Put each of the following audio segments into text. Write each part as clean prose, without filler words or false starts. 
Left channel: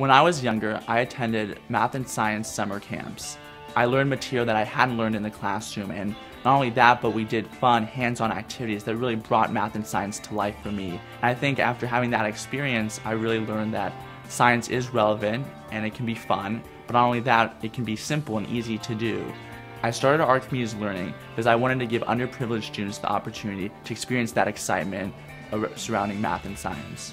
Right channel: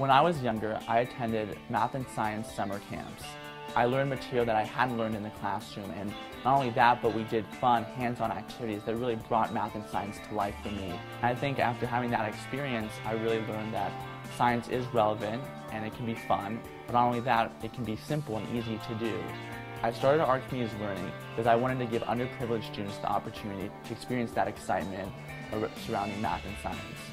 When I was younger, I attended math and science summer camps. I learned material that I hadn't learned in the classroom, and not only that, but we did fun, hands-on activities that really brought math and science to life for me. And I think after having that experience, I really learned that science is relevant and it can be fun, but not only that, it can be simple and easy to do. I started Archimedes Learning because I wanted to give underprivileged students the opportunity to experience that excitement surrounding math and science.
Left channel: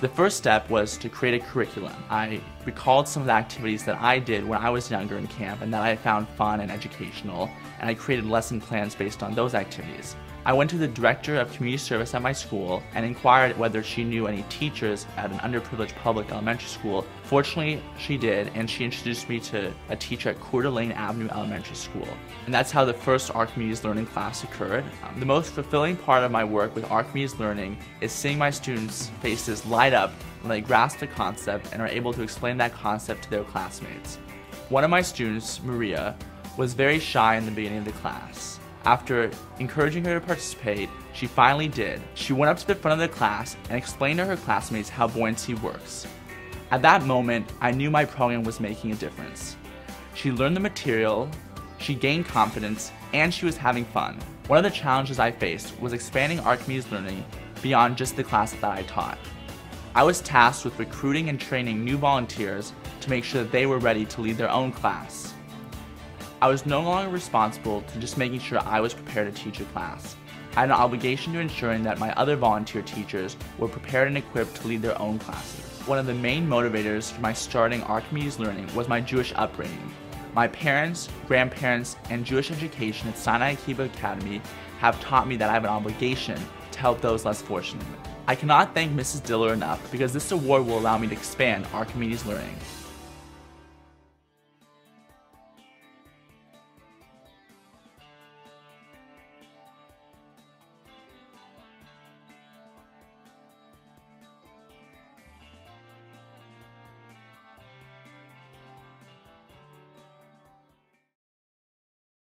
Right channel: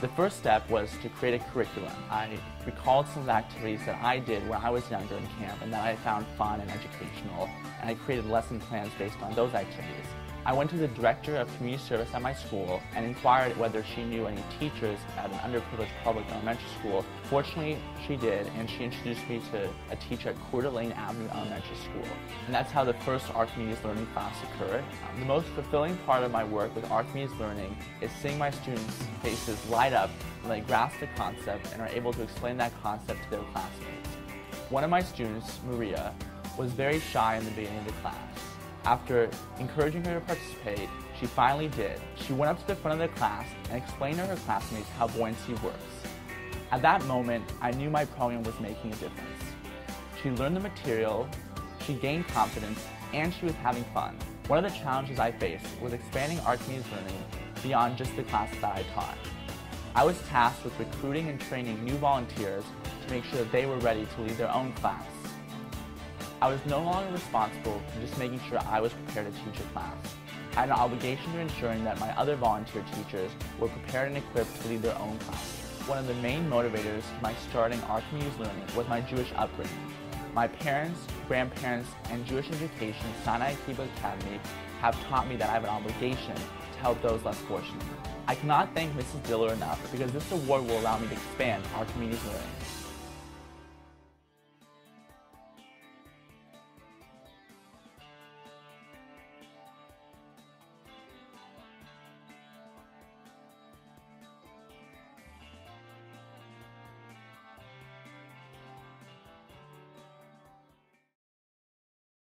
The first step was to create a curriculum. I recalled some of the activities that I did when I was younger in camp and that I found fun and educational, and I created lesson plans based on those activities. I went to the director of community service at my school and inquired whether she knew any teachers at an underprivileged public elementary school. Fortunately, she did, and she introduced me to a teacher at Coeur d'Alene Avenue Elementary School. And that's how the first Archimedes Learning class occurred. The most fulfilling part of my work with Archimedes Learning is seeing my students' faces light up when they grasp the concept and are able to explain that concept to their classmates. One of my students, Maria, was very shy in the beginning of the class. After encouraging her to participate, she finally did. She went up to the front of the class and explained to her classmates how buoyancy works. At that moment, I knew my program was making a difference. She learned the material, she gained confidence, and she was having fun. One of the challenges I faced was expanding Archimedes Learning beyond just the class that I taught. I was tasked with recruiting and training new volunteers to make sure that they were ready to lead their own class. I was no longer responsible for just making sure I was prepared to teach a class. I had an obligation to ensuring that my other volunteer teachers were prepared and equipped to lead their own class. One of the main motivators for my starting Archimedes Learning was my Jewish upbringing. My parents, grandparents, and Jewish education at Sinai Kibbutz Academy have taught me that I have an obligation to help those less fortunate. I cannot thank Mrs. Diller enough because this award will allow me to expand Archimedes Learning.